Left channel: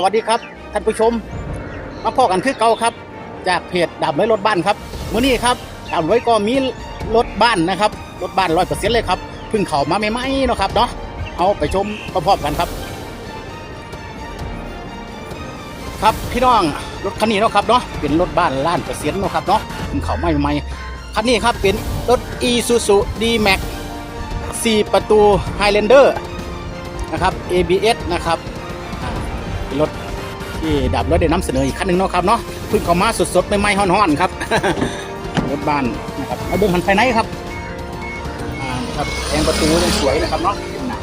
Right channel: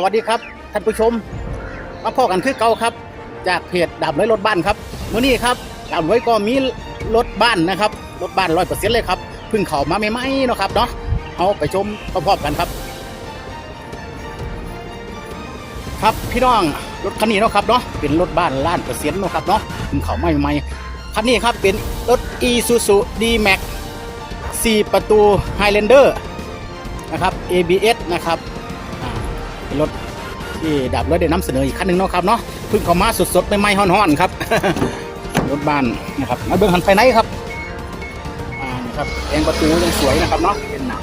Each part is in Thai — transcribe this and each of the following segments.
สวัสดีครับท่านผู้ชมมาพอกันคือเก่าครับ จากเพจดับไว้รถบ้านครับวันนี้ครับดับไว้ก็มีรถบ้านนะครับรถบ้านร้อยเปอร์เซ็นต์เลยครับเพิ่งเข้ามาใหม่ๆเนาะครับเนาะเอาไปชมพร้อมๆกันครับครับพี่น้องรถคันนี้เนาะครับเนาะเป็นรถบ้านล้านเปอร์เซ็นต์เนาะครับเนาะเพิ่งเข้ามาใหม่คันนี้ครับเป็นรถ Isuzu D-Max 4 ประตู Highlander นะครับ ABS นะครับ รถที่ดับแล้วได้นำเสนออีกคันหนึ่งเนาะครับเนาะเพิ่งเข้ามาสดๆใหม่ๆฮ้อนๆครับ รถบ้านนะครับมาเบิ่งหันไปไหนครับอ่านี่ครับแองประตูยังสวยนะครับเนาะเป็นหนัง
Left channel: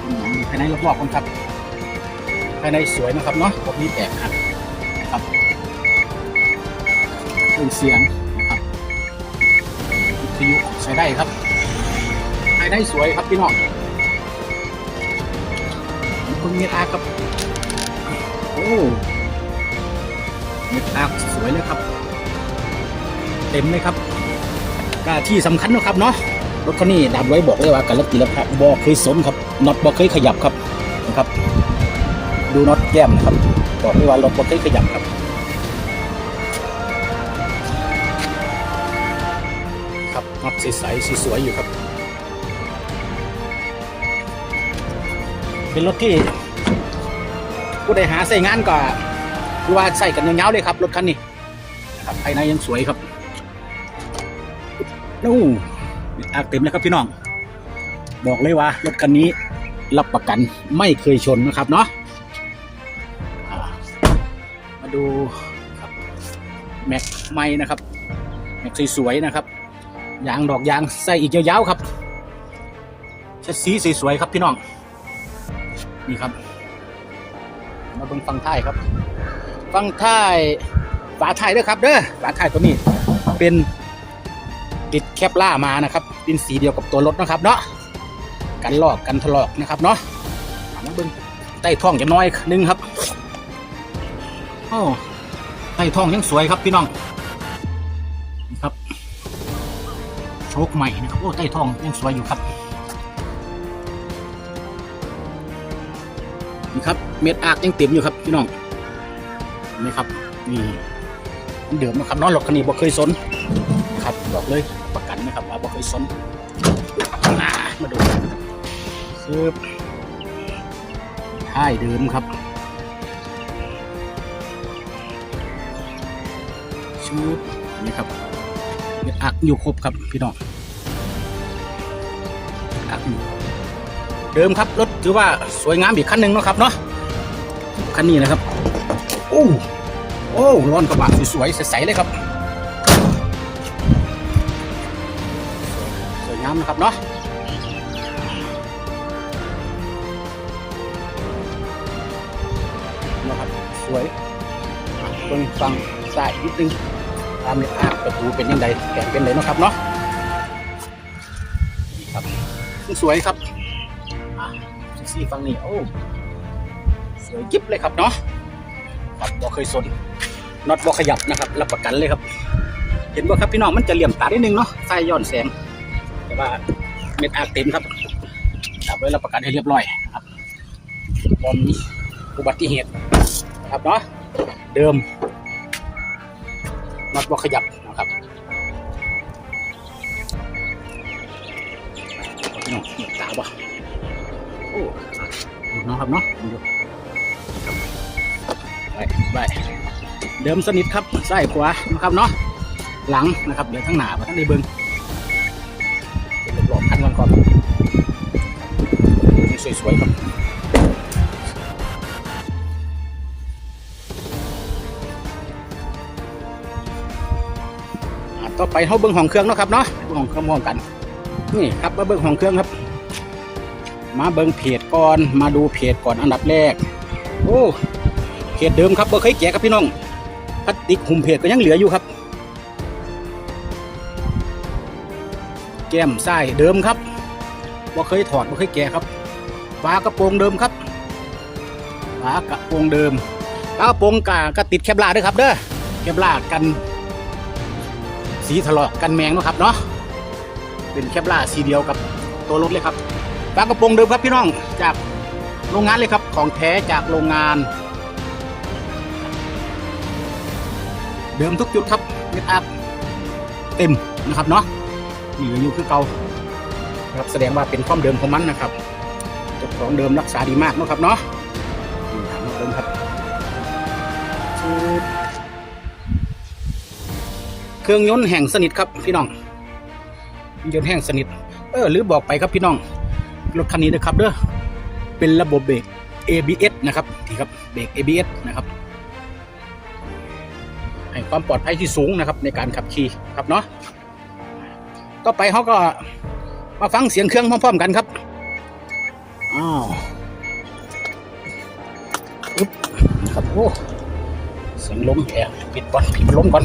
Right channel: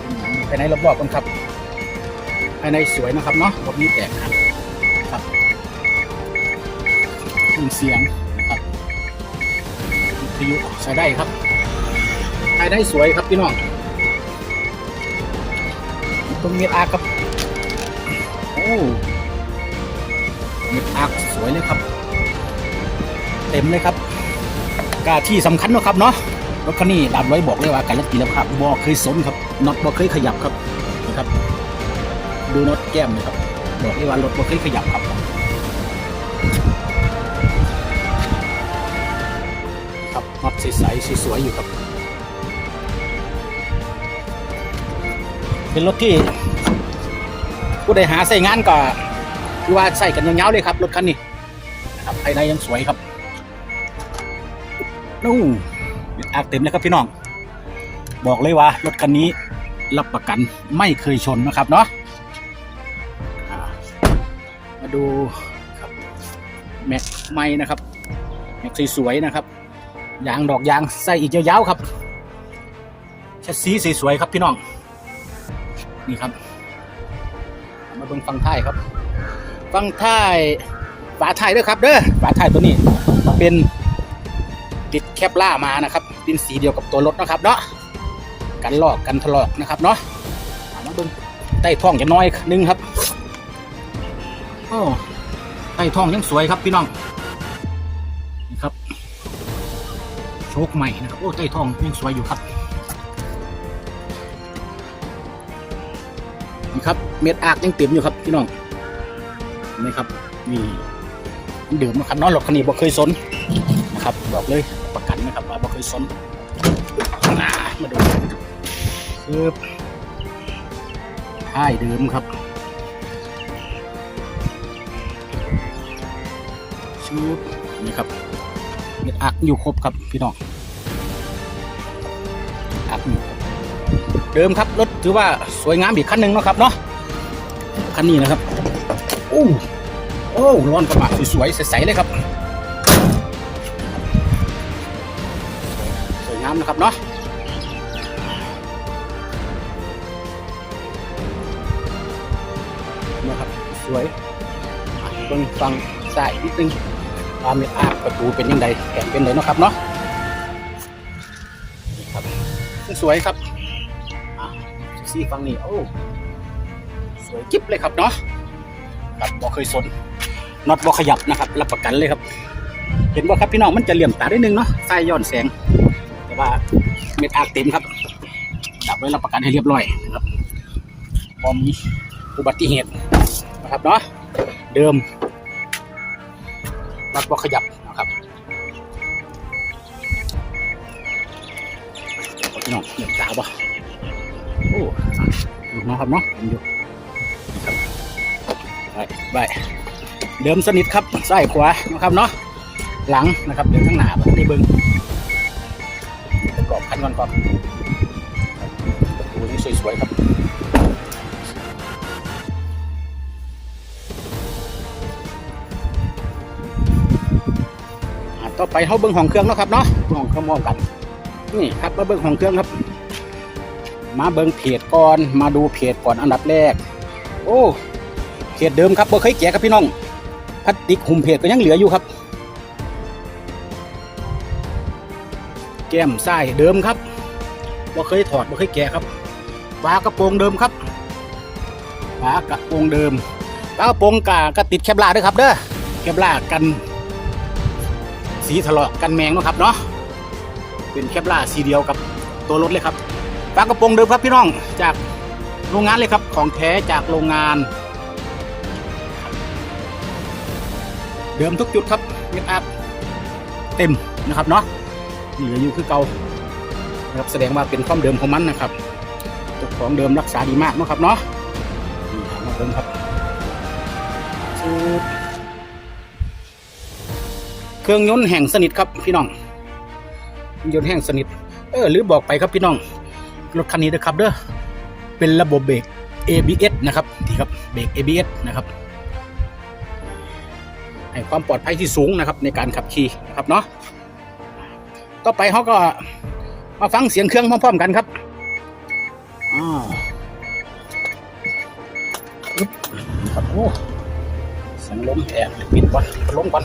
เป็นหนังไปไหนรอบๆกันครับภายในสวยนะครับเนาะพวกนี้แตกหักนะครับเครื่องเสียงนะครับที่ใช้ได้ครับภายในสวยครับพี่น้อง มตอาครับโอ้เมตอาสวยเลยครับ เต็มเลยครับกาที่สำคัญนะครับเนาะรถคันนี้ดับไว้บอกเลยว่าการรถตีแล้วครับบอกเคยสนครับน็อตบอกเคยขยับครับนะครับ ดูน็อตแก้มนะครับบอกเลยว่ารถบอกเคยขยับครับครับน็อตใสสวยอยู่ครับเป็นรถที่ ผู้ใดหาใส่งานก็คือว่าใส่กันยาวๆเลยครับรถคันนี้นะครับภายในยังสวยครับนู่อากเต็มเลยครับพี่น้อง บอกเลยว่ารถคันนี้รับประกันไม่เคยชนนะครับเนาะมาดูแม็กไม่นะครับแม็กสวยๆนะครับยางดอกยางใส่อีกยาวๆครับชัดสีสวยๆครับพี่น้องนี่ครับ มาเบิ่งฟังท้ายครับ ฟังท้ายฝาท้ายนะครับเด้อฝาท้ายตัวนี้เป็นติดแคปล่ามานะครับ เป็นสีเดียวกับตัวรถนะครับเนาะกันลอกกันถลอกนะครับเนาะมาเบิ่งใต้ท้องจะน้อยนึงครับอ้อใต้ท้องยังสวยครับพี่น้องนี่ครับโชคใหม่นะครับโอ้ใต้ท้องยังสวยอยู่ครับ นี่ครับเม็ดอากยังเต็มอยู่ครับพี่น้องนไหมครับนี่อันเดิมนะครับน้องหลอกคันนี้บอกเคยสนนะครับบอกเลยประกันนะครับว่าบอกเคยสนอ่ามาดูคือท้ายเดิมครับชูนี่ครับเม็ดอักอยู่ครบครับพี่น้อง เดิมครับรถถือว่าสวยงามอีกคันหนึ่งนะครับเนาะคันนี้นะครับโอ้โอ้ร้อนกระบะสวยๆใสๆเลยครับสวยงามนะครับเนาะนะครับสวยต้องฟังสายนิดนึงความเป็นอาประตูเป็นยังไงแต่เป็นเลยนะครับเนาะนะครับสวยครับ ซีฟังนี่โอ้สวยจิ๊บเลยครับเนาะครับบอเคยสนน็อตบอขยับนะครับ รับประกันเลยครับ เห็นว่าครับพี่น้องมันจะเหลี่ยมตาได้นึงเนาะใส่ย้อนแสงแต่ว่าเม็ดอากเต็มครับดับไว้รับประกันให้เรียบร้อยนะครับบอมีอุบัติเหตุนะครับเนาะเดิมน็อตบอขยับนะครับพี่น้องเหลี่ยมตาบ่โอ้ดู นะครับเนาะไปไปเดิมสนิทครับซ้ายขวานะครับเนาะหลังนะครับอยู่ข้างหน้าเพื่อได้เบิ่งหลอกคันมันก่อนสวยๆครับอะต่อไปเขาเบิ่งห้องเครื่องเนาะครับเนาะเบิ่งห้องเครื่องมองกัน นี่ครับมาเบิ่งห้องเครื่องครับ มาเบิงเพจก่อนมาดูเพจก่อนอันดับแรก โอ้เพจเดิมครับบ่เคยแกะครับพี่น้องพลาสติกหุ้มเพจก็ยังเหลืออยู่ครับ แก้มไส้เดิมครับบ่เคยถอดบ่เคยแกะครับฝากระโปรงเดิมครับฝากระโปรงเดิมกระโปรงกาก็ติดแคปลาด้วยครับเด้อแคปลากัน สีถลอกกันแมงนะครับเนาะเป็นแคปลาสีเดียวกับตัวรถเลยครับ ฝากระโปรงเดิมครับพี่น้องจากโรงงานเลยครับของแท้จากโรงงาน เดิมทุกจุดครับเมตอัพเต็มนะครับเนาะนี่อยู่คือเก่านะครับแสดงว่าเป็นความเดิมของมันนะครับเจ้าของเดิมรักษาดีมากเนาะครับเนาะนี่ถามาเดิมครับ เครื่องยนต์แห่งสนิทครับพี่น้องเครื่องยนต์แห่งสนิท เออหรือบอกไปครับพี่น้อง รถคันนี้นะครับเด้อเป็นระบบเบรก ABS นะครับที่ครับเบรก ABS นะครับให้ความปลอดภัยที่สูงนะครับในการขับขี่นะครับเนาะต่อไปเขาก็มาฟังเสียงเครื่องพร้อมๆกันครับอ่าปึ๊บนะครับโอ้เสียงลมแอบปิดก่อนปิดพัดลมก่อน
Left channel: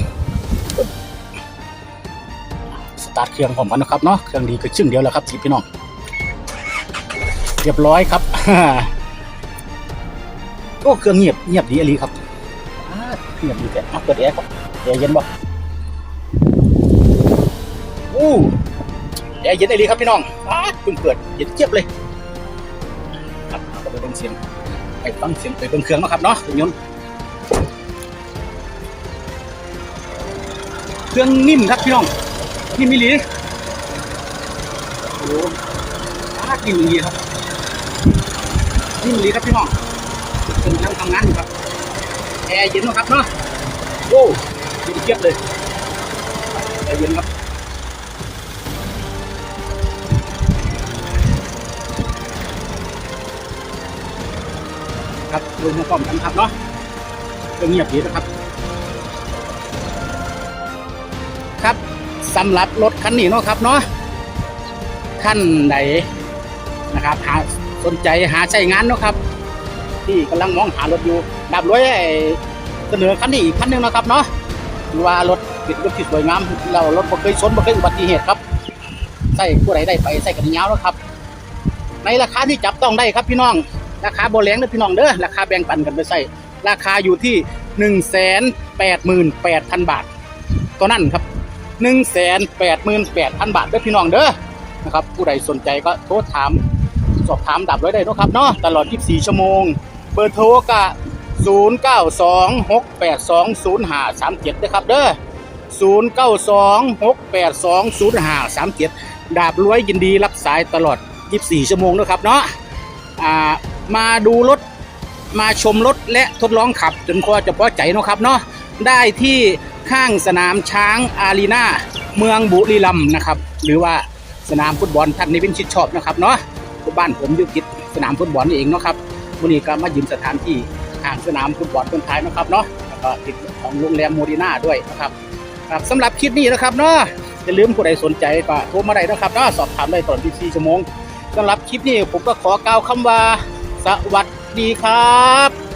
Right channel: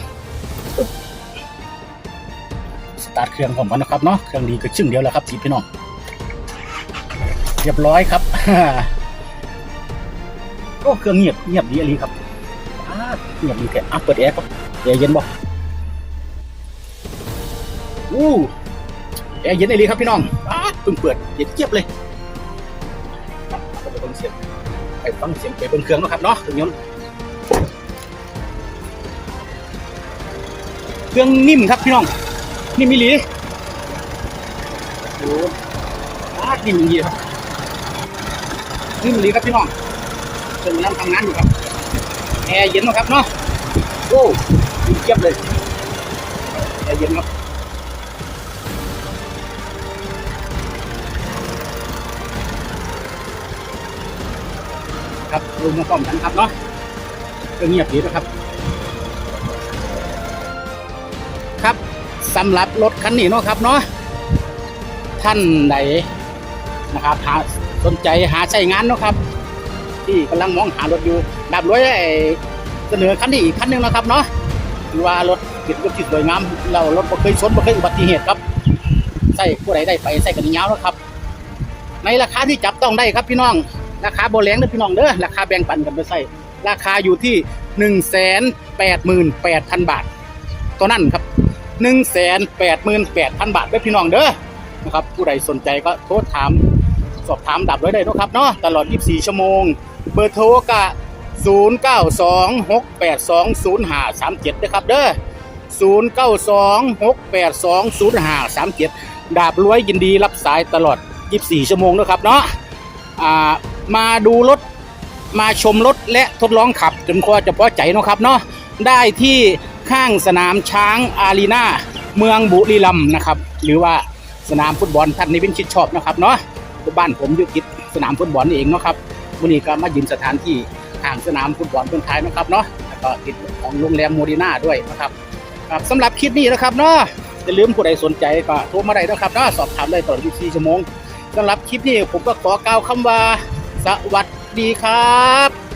สตาร์ทเครื่องพร้อมกันนะครับเนาะเครื่องดีก็ชึ่งเดียวแล้วครับสิพี่น้อง รียบร้อยครับ โอ้เครื่องเงียบเงียบดีอหลีครับเงียบดีแค่อะเปิดแอร์ครับแอร์เย็นบ่อู้แอร์เย็นอหลีครับพี่น้องอ่าเพิ่งเปิดเย็นเจี๊ยบเลยครับเอาไปเบิ่งเสียงไปฟังเสียงไปเบิ่งเครื่องนะครับเนาะเครื่องยนเครื่องนิ่มครับพี่น้องนิ่มอีหลีโอ้อ่านิ่มอีหลีครับ นิ่มอีหลีครับพี่น้องกำลังทำงานอยู่ครับ แอร์เย็นนะครับเนาะ โอ้เยียบเลยแอร์เย็นครับครับดูมาพร้อมกันครับเนาะเงียบดีนะครับ ครับสำหรับรถคันนี้เนาะครับเนาะท่านไหนนะครับหา สนใจหาใช้งานเนาะครับ ที่กำลังมองหารถอยู่ดับร้อยเสนอคันนี้อีกคันหนึงนะครับเนาะคือว่ารถติดรถที่สวยงามเรารถบ่เคยชนบ่เคยอุบัติเหตุครับใส่ผู้ใดได้ไปใส่กันยาวแล้วครับ ในราคาที่จับต้องได้ครับพี่น้อง ราคาโบแรงนะพี่น้องเด้อราคาแบ่งปันกันไปใส่ราคาอยู่ที่หนึ่งแสนแปดหมื่นแปดพันบาทตอนนั้นครับหนึ่งแสนแปดหมื่นแปดพันบาทเด้อพี่น้องเด้อนะครับผู้ใดสนใจก็โทรถาม สอบถามดับไว้ได้ทุกครับเนาะตลอด 24 ชั่วโมง เบอร์โทรกะ 0926820537นะครับเด้อ0926820537 ดาบรวยยินดีรับสายตลอด 24 ชั่วโมงนะครับเนาะอ่ามาดูรถมาชมรถและทดลองขับจนคอจะพอใจนะครับเนาะได้ที่ข้างสนามช้างอารีนาเมืองบุรีรัมย์นะครับ หรือว่าสนามฟุตบอลท่านนี้เป็นชิดชอบนะครับเนาะ บ้านผมอยู่ติดสนามฟุตบอลนี่เองเนาะครับวันนี้ก็มายืมสถานที่ห่างสนามฟุตบอลคนไทยนะครับเนาะแล้วก็ติดของโรงแรมโมดีนาด้วยนะครับครับสำหรับคลิปนี้นะครับเนาะอย่าลืมผู้ใดสนใจก็โทรมาได้นะครับเนาะสอบถามได้ตลอด24ชั่วโมงสำหรับคลิปนี้ผมก็ขอกล่าวคำว่าสวัสดีครับ